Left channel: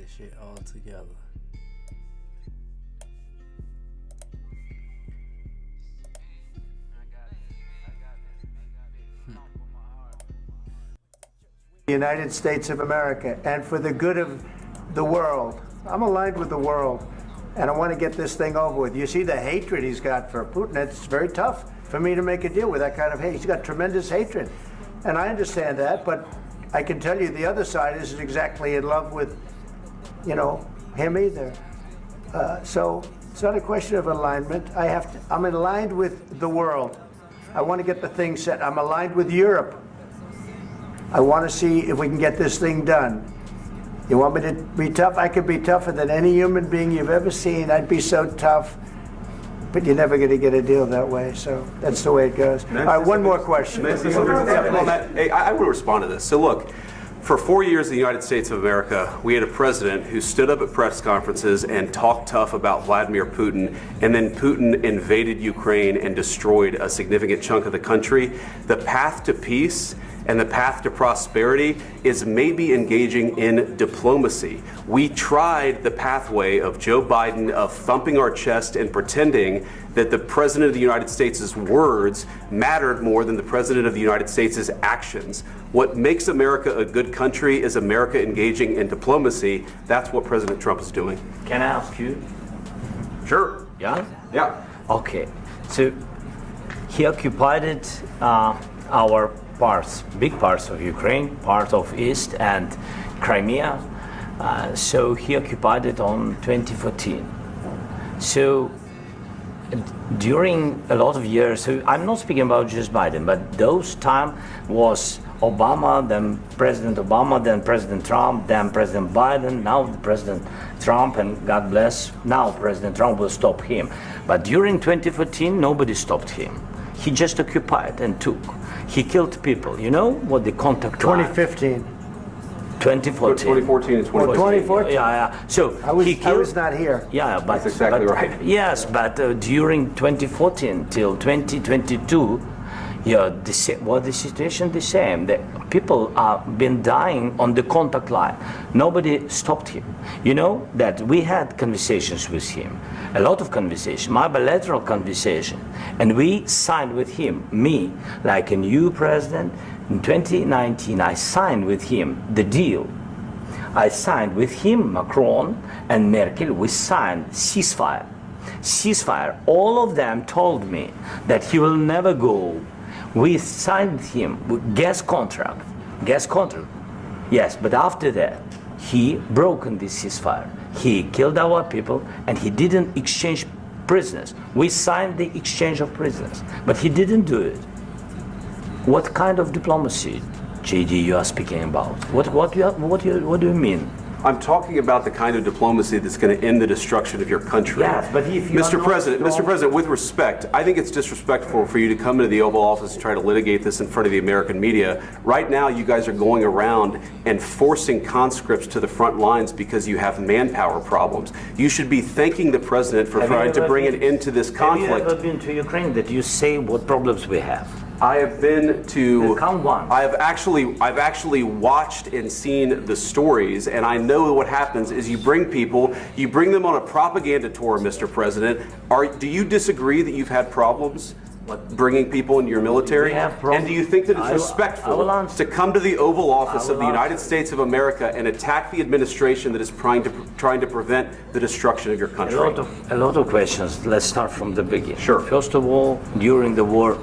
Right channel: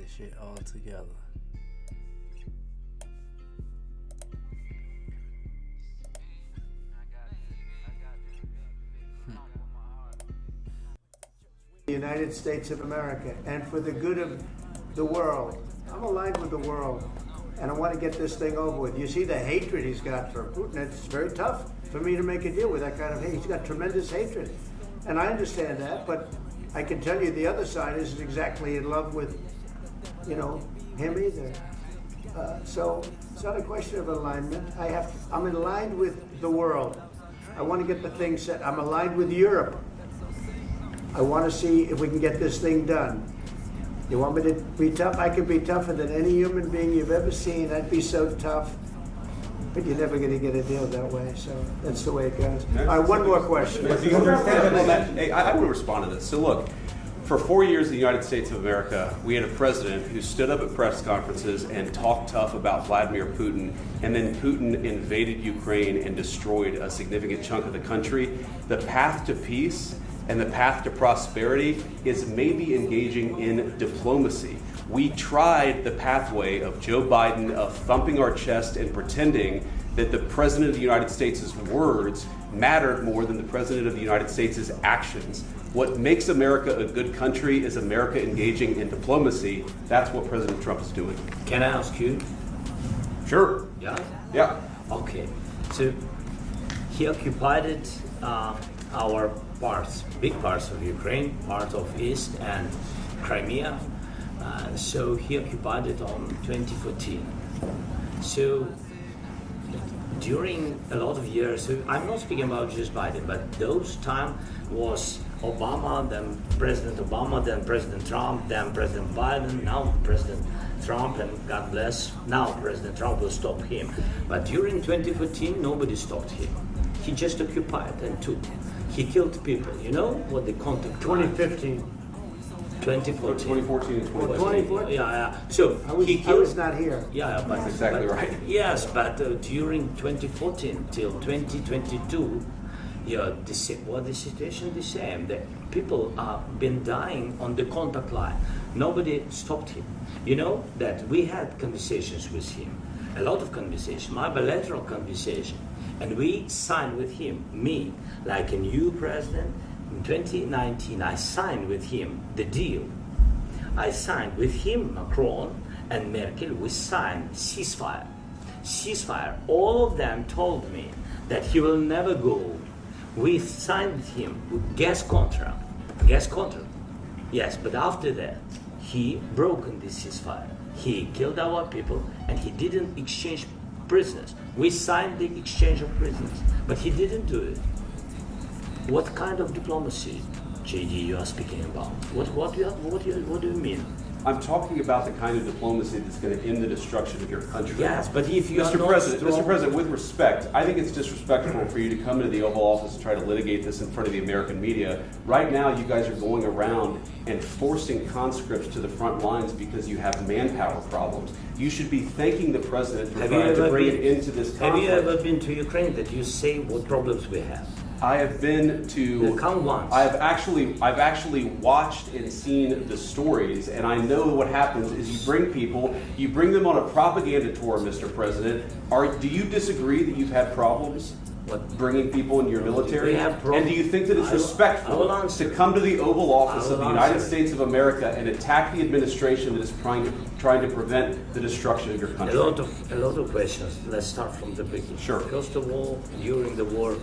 this shit all together. The United States of America and for the good of the world. I'm aligned with the world, and I want to get this thing over with. You see the hatred he's got for Putin. It's very tough for me to make a deal with that kind of hate. He's got tremendous hatred, and I understand that, but I can tell you the other side isn't exactly in love with, you know, him either. So it's not a question of alignment. I'm aligned with the world. I want to get the thing set. I'm aligned with Europe. I want to see if we can get this thing done. You want me to be tough? I could be tougher than any human being you've ever seen. I'd be so tough. But you're never going to get a deal that way, so that's the way it goes. All right, one more question. Hey, I want to respond to this. So look, for 4 years in the United States of America, we had a president who stood up at press conferences and talked tough about Vladimir Putin, and then Putin invaded Ukraine and destroyed a significant chunk of the country. The path to peace and the path to prosperity is maybe engaging in diplomacy. We tried the pathway of Joe Biden of thumping our chest and pretending that the President of the United States' words mattered more than the President of the United States' actions. What makes America a good country is America engaging in diplomacy. That's what President Trump is doing. Can I ask you? Sure. Yeah? Yeah. Okay. So he occupied our parts, big parts of Ukraine, part of East and Crimea. So he occupied it on 2014. So during a lot of years, so I'm not speaking about just Biden, but those time was Obama, then President Obama, then President Trump, then President Biden, now President Trump, and God bless, now President Trump will stop him. But during 2014, nobody stopped him. He just occupied and took. He killed people. You know what the contact line? 2015. 2014. 2014 and 2014. 2014. Yeah. So I was not here. Yeah, but that's exactly right. Yes, but during 2014 till 2022, yeah, the situation the same. The people have been dying on the contact line. Nobody stopped him. You know that we had conversations with him, a lot of conversation, my bilateral conversation, and we signed with him, me, like a new president. In 2019, I signed with him the deal. I signed with him, Macron and Merkel, we signed ceasefire. Ceasefire. All of them told me that he will never go. We signed with him with gas contract. Gas contract. Yes, but after that, he broken this ceasefire. He killed our people and he didn't exchange prisoners. We signed the exchange of prisoners, but he didn't do it. What kind of diplomacy, JD, you are speaking about? What do you mean? I'm talking about the kind of diplomacy that's going to end the destruction of your country. Yes, but if you Mr. President, with respect, I think it's disrespectful for you to come into the Oval Office and try to litigate this in front of the American media. Right now, you guys are going around and forcing conscripts to the front lines because you have manpower problems. You should be thanking the President for trying to bring it into this conflict. Have you ever been to Ukraine that you say what problems we have? I have been to. Come once. I've actually watched and seen the stories, and I know what happens is you bring them on a propaganda tour, Mr. President. Do you disagree that you've had problems bringing people into your military? And do you think that it's respectful to come to the Oval Office of the United States of America and attack the administration that is trying to prevent the destruction of your country? A lot of questions. Let's start from the beginning. Sure. First of all, during the war,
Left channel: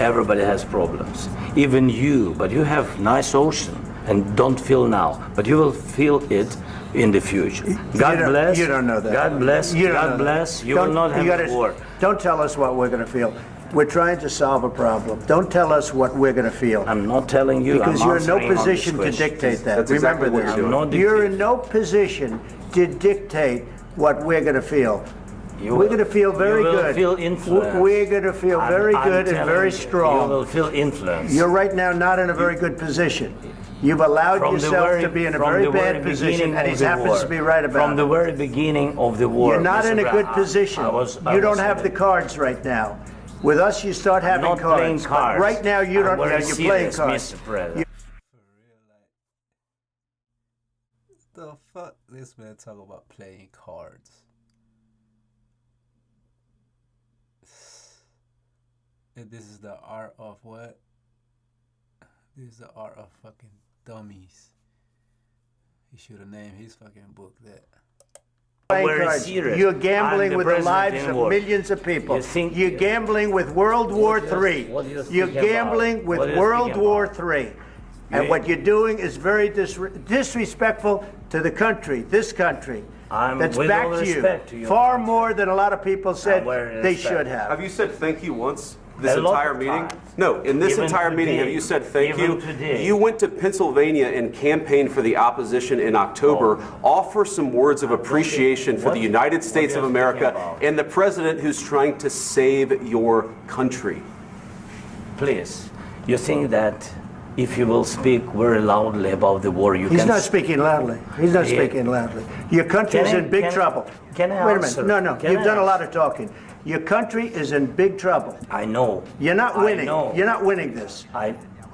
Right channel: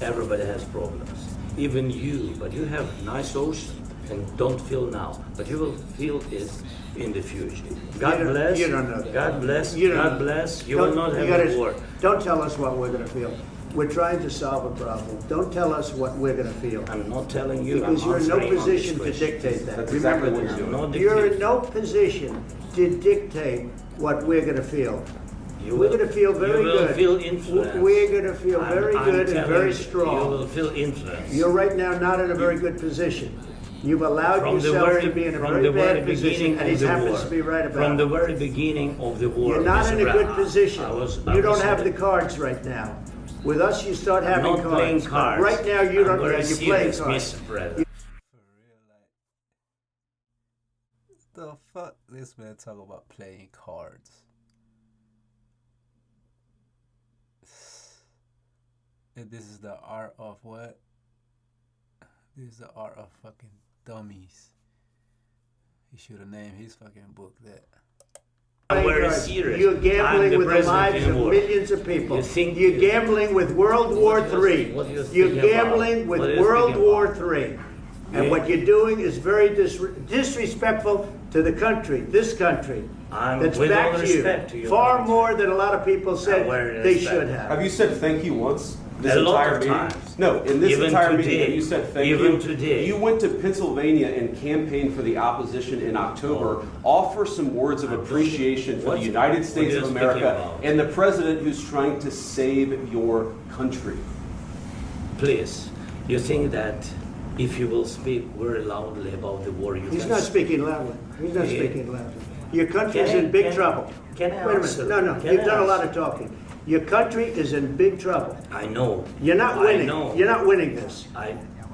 everybody has problems, even you, but you have nice ocean and don't feel now, but you will feel it in the future. God bless. You don't know that. God bless. God bless. You will not have a war. Don't tell us what we're going to feel. We're trying to solve a problem. Don't tell us what we're going to feel. I'm not telling you. Because you're in no position to dictate that. That's exactly what you're doing. You're in no position to dictate what we're going to feel. We're going to feel very good. You will feel influence. We're going to feel very good and very strong. You will feel influence. You're right now not in a very good position. You've allowed yourself to be in a very bad position, and he happens to be right about it. From the very beginning of the war. You're not in a good position. You don't have the cards right now. With us, you start having cards. Right now, you don't. You're playing cards. For real, like, the fuck this man talk about playing cards? And this is the art of what? This is the art of fucking dummies. He should have named his fucking book that. Very serious. You're gambling I'm with the president lives in of war. millions of people. You think- You're gambling with World War III. You're gambling with World War III. And what you're doing is very disrespectful to the country, this country. I'm That's with back all to you. respect to your Far country. more than a lot of people said very they respect. should have. Have you said thank you once this A lot entire of meeting? times. No, in this Even entire meeting, today. have you said thank Even you? today. You went to Pennsylvania and campaigned for the opposition in October. Offer some words of appreciation for the United States are of you America speaking about? and the president who's trying to save your country. Please, you think that if you will speak very loudly about the war, you He's can... not speaking loudly. He's not Yeah. speaking loudly. Your country is Can I- in big can- trouble. can I Wait a answer? minute. No, Can you've I done a lot answer? of talking. Your country is in big trouble. I know. You're not I winning. know. You're not winning this.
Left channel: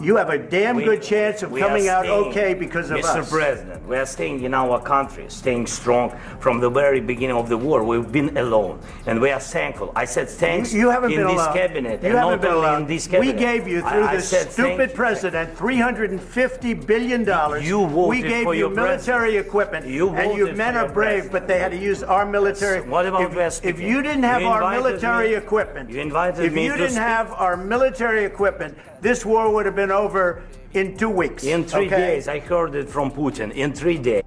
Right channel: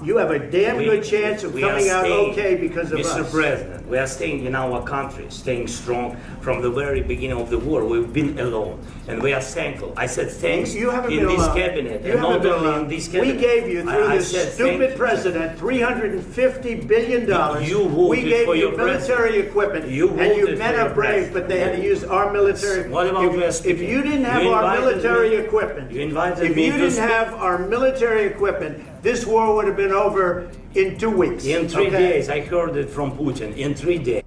You have a damn good chance of we are coming out staying- okay because of Mr. us. President, we are staying in our country, staying strong from the very beginning of the war. We've been alone, and we are thankful. I said thanks You haven't in been this alone. cabinet, You and haven't not been only alone. in this We cabinet. gave you, through I this said stupid thank- president, $350 billion. You voted we gave for you your military president. equipment, You and you voted men for are your brave, president. but they had to use our military. What about West If you didn't have You our invited military me- equipment, you invited if me you to didn't speak- have our military equipment, this war would have been over in 2 weeks. In 3 okay? days, I heard it from Putin. In 3 days.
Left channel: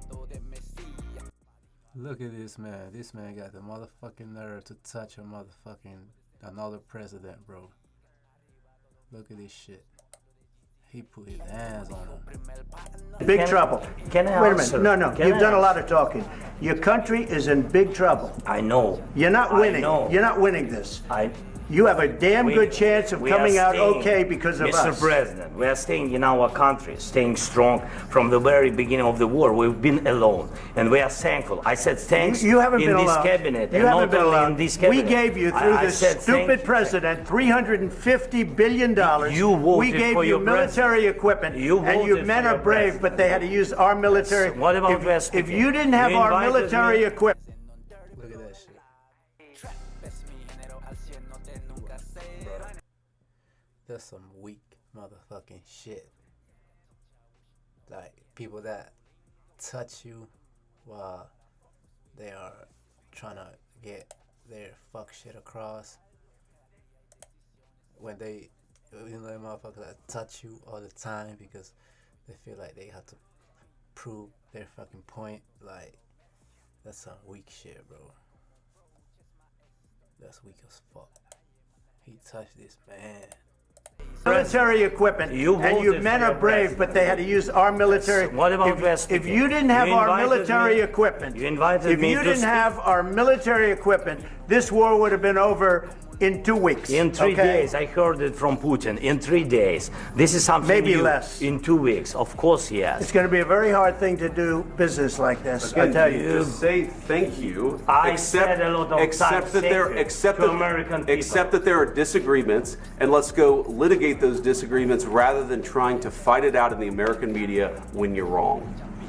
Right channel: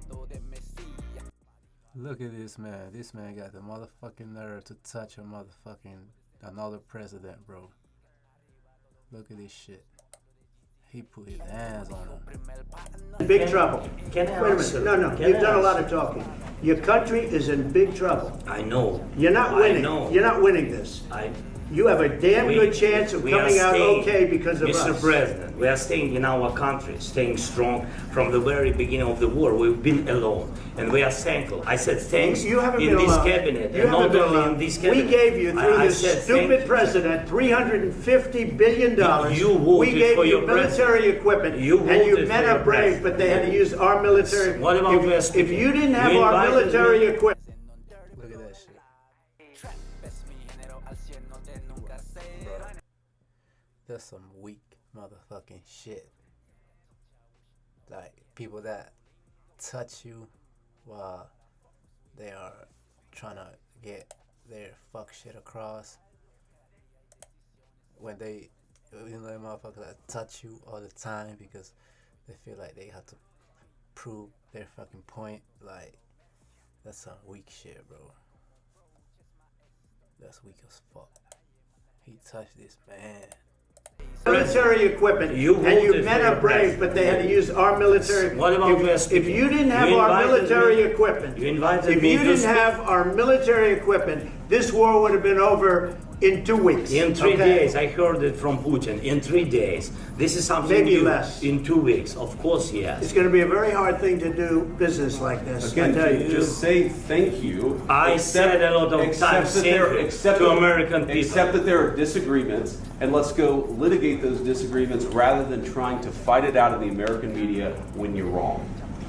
Look at this man. This man got the motherfucking nerve to touch a motherfucking another president, bro. Look at this shit. He put his hands on him. Big Can- trouble. can I Wait a answer? minute. No, Can you've I done a lot answer? of talking. Your country is in big trouble. I know. You're not I winning. know. You're not winning this. You have a damn good chance of we are coming out staying- okay because of Mr. us. President, we are staying in our country, staying strong from the very beginning of the war. We've been alone, and we are thankful. I said thanks You haven't in been this alone. cabinet, You and haven't not been only alone. in this We cabinet. gave you, through I this said stupid thank- president, $350 billion. You voted we gave for you your military president. equipment, You and you voted men for are your brave, president. but they had to use our military. What about West? If you didn't have You our invited military me- equipment, Look at that shit. That's some weak motherfucking shit. Like people that touch you while they are trying to get their fuck shit across. When they, you know, motherfuckers that touch you all the time because they feel like they have to prove their fucking point. Like that's some weak shit, bro. That's weak as fuck. He touched this man. military equipment, and you voted men for are your brave, president. but they had to use our military. What about West? If you didn't have You our invited military me- equipment, you invited if me you to didn't speak- have our military equipment, this war would have been over in 2 weeks. In 3 okay? days, I heard it from Putin. In 3 days, this is something Maybe new. less. In 2 weeks, of course, yes. It's going to be a very hard thing to do business like this. I Again, tell you. just say thank you. I said a lot of accept times that there, thank you accept to that- American people. Accept that there are disagreements, and let's go litigate those disagreements rather than trying to fight it out in the American media when you're wrong.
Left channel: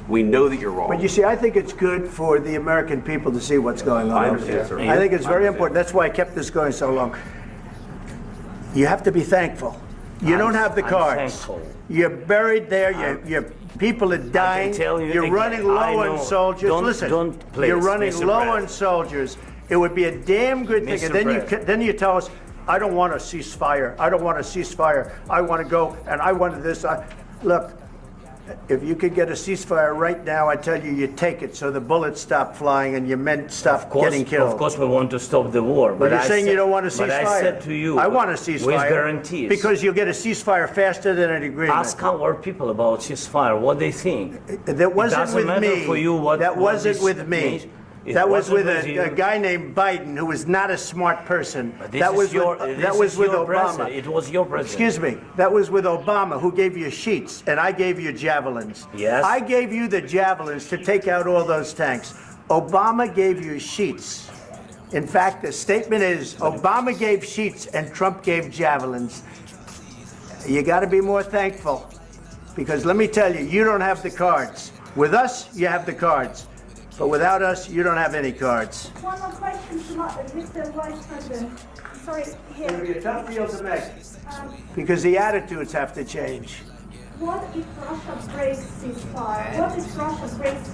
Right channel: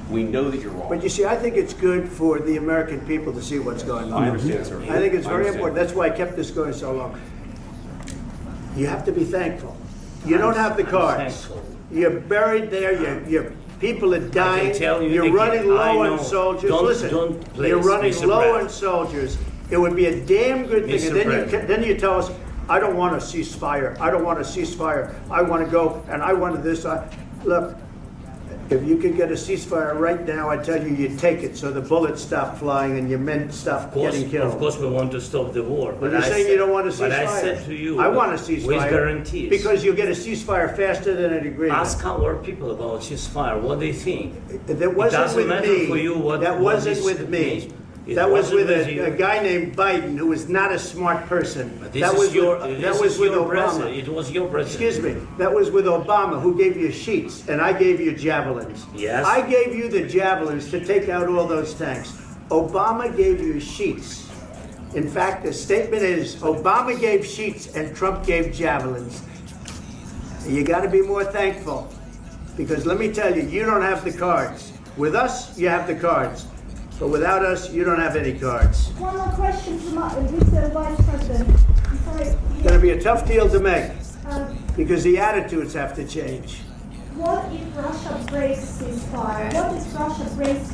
We know that you're wrong. But you see, I think it's good for the American people to see what's going on. I understand, sir. I think it's I very understand. important. That's why I kept this going so long. You have to be thankful. You don't have the I'm cards. thankful. You're buried there. Your people are dying. tell you You're again, running I low know. on soldiers. Don't- Listen, don't please, you're running Mr. low President. on soldiers. It would be a damn good thing. Mr. And then President. then you tell us, I don't want a ceasefire. I don't want a ceasefire. I want to go and I want this. Look, if you could get a ceasefire right now, I tell you, you take it so the bullets stop flying and your men stop getting killed. Of course, we want to stop the war. But you're I saying said- you don't want a ceasefire. But I said to you, I want a ceasefire. with guarantees. Because you'll get a ceasefire faster than an agreement. Ask our people about ceasefire, what they think. That wasn't doesn't with matter me. for you what- that what wasn't this with me. means. It That was wasn't with with you. a guy named Biden who was not a smart person. This That is was your, with, this that was is with your Obama. president. It was your president. Excuse me. That was with Obama, who gave you sheets, and I gave you javelins. Yes. I gave you the javelins to take out all those tanks. Obama gave you sheets. In fact, the statement is Obama gave sheets and Trump gave javelins. You got to be more thankful, because let me tell you, you don't have the cards. With us, you have the cards. But without us, you don't have any cards. One more question to Mr. Vice President. I'm sorry. It's going to be a tough deal to make because the attitudes have to change. What if Russia breaks ceasefire? What if Russia breaks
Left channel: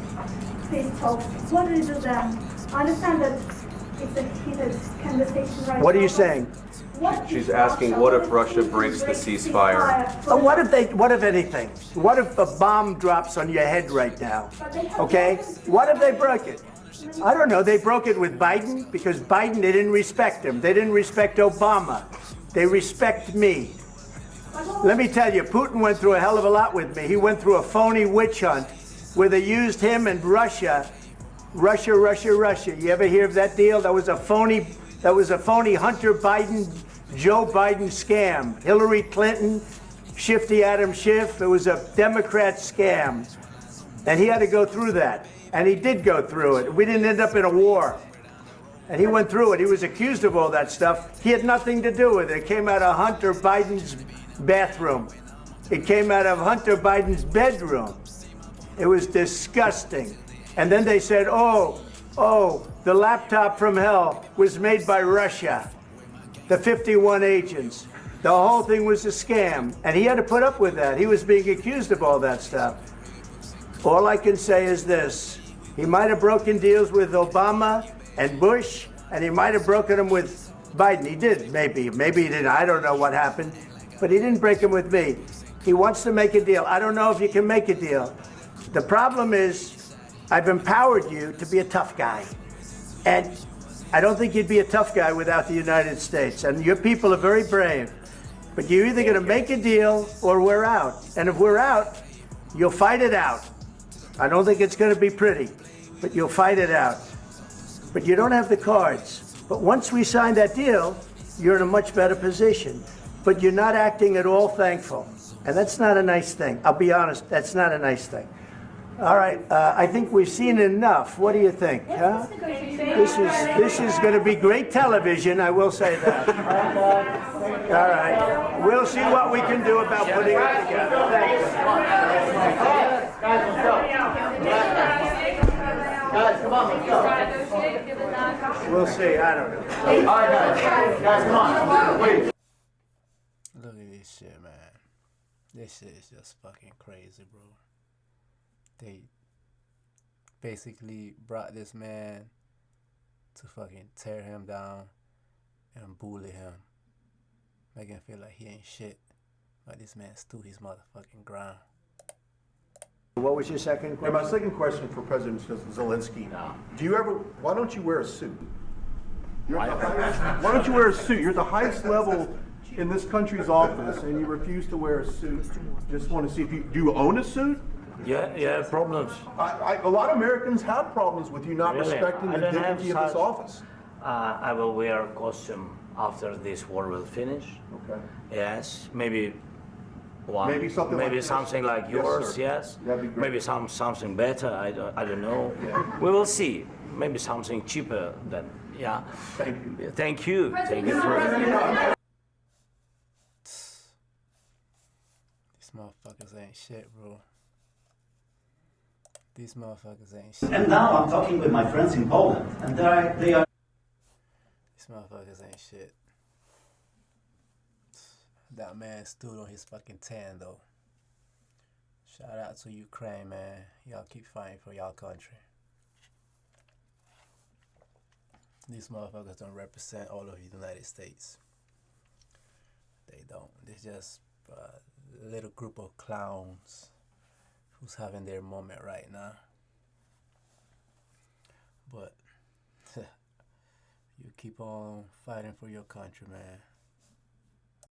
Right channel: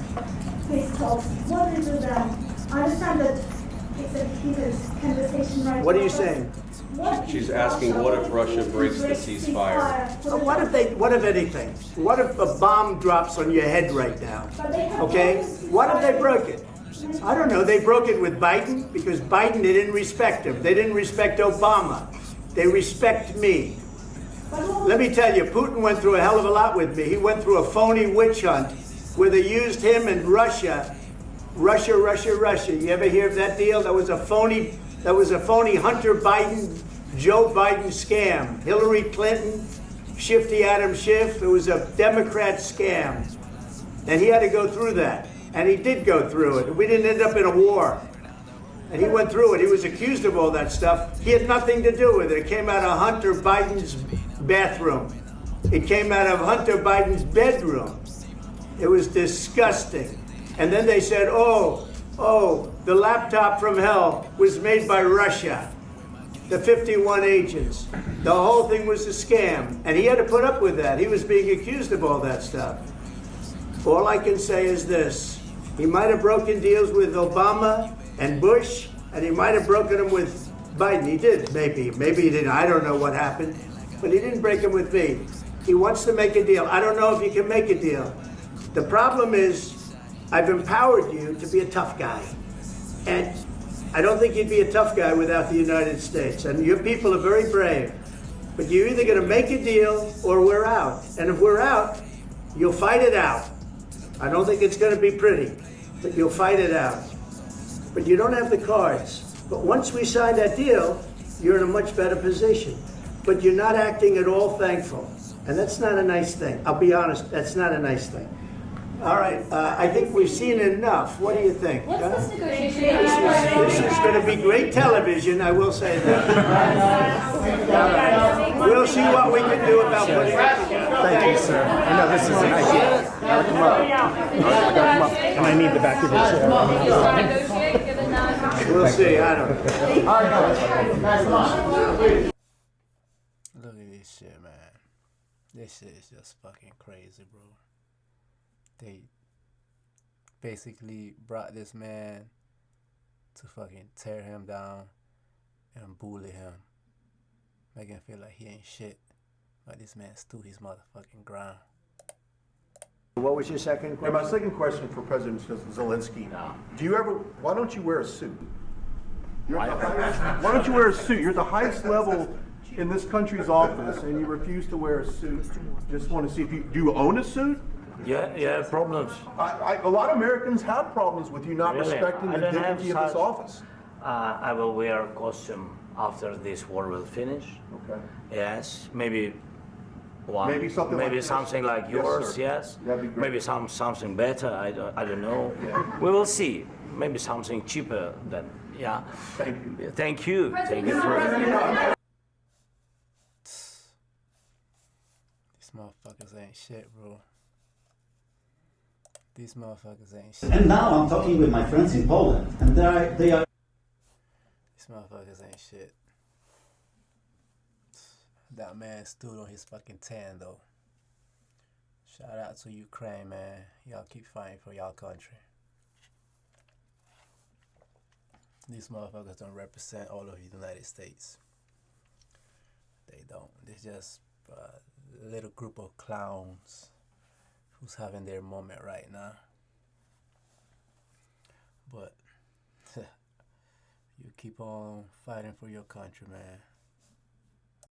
peace talks? What do you do then? I understand that it's a heated conversation right now. What are you saying? She's asking, what if Russia breaks the ceasefire? What if anything? What if a bomb drops on your head right now? Okay? What if they broke it? I don't know. They broke it with Biden because Biden, they didn't respect him. They didn't respect Obama. They respect me. Let me tell you, Putin went through a hell of a lot with me. He went through a phony witch hunt where they used him and Russia. Russia. You ever hear of that deal? That was a phony Hunter Biden, Joe Biden scam. Hillary Clinton, Shifty Adam Schiff. It was a Democrat scam. And he had to go through that. And he did go through it. We didn't end up in a war. And he went through it. He was accused of all that stuff. He had nothing to do with it. It came out of Hunter Biden's bathroom. It came out of Hunter Biden's bedroom. It was disgusting. And then they said, oh, the laptop from hell was made by Russia. The 51 agents. The whole thing was a scam. And he had to put up with that. He was being accused of all that stuff. All I can say is this. He might have broken deals with Obama and Bush, and he might have broken them with Biden. He did, maybe. Maybe he didn't. I don't know what happened. But he didn't break them with me. He wants to make a deal. I don't know if you can make a deal. The problem is, I've empowered you to be a tough guy. And I don't think you'd be a tough guy without the United States. And your people are very brave. But you're either going to make a deal or we're out. And if we're out, you'll fight it out. I don't think it's going to be pretty, but you'll fight it out. But you don't have the cards. But once we sign that deal, you're in a much better position. But you're not acting at all thankful. And that's not a nice thing. I'll be honest, that's not a nice thing. All right, I think we've seen enough. What do you think? Huh? This is going to be great television, I will say that. All right. We'll see what we can do about putting it together. Thank you, sir. And I need the back of the chair. We'll see. I don't know. Look at this shit, man. This shit is just fucking crazy, bro. They basically brought this man to fucking tear him down and bully him. Make him feel like he ain't shit. But this man stood his motherfucking ground. What was your second question? My second question for President Zelensky. Why don't you wear a suit? Why don't you wear a suit? You're at the highest level in this country's office and you refuse to wear a suit. Just want to see if do you own a suit? Yeah, problems. A lot of Americans have problems with you not Really? respecting the dignity of this office. I will wear a costume after this war will finish. Okay. Yes, maybe one. Maybe something like this? something like Yes, yours. sir. Yes. That'd be great. Maybe something better. I don't know. Yeah. We will see. Maybe something cheaper than yeah. Thank you. Thank you. Thank you. These motherfuckers ain't shit, bro. These motherfuckers ain't shit. And now I'm talking with my friends in Poland, and they are. These motherfuckers ain't shit. That man stood on his fucking 10 though. Shout out to Ukraine, man. Y'all keep fighting for y'all country. These motherfuckers don't represent all of the United States. They don't. They're just a little group of clowns who's having their moment right now. But you keep on fighting for your country, man.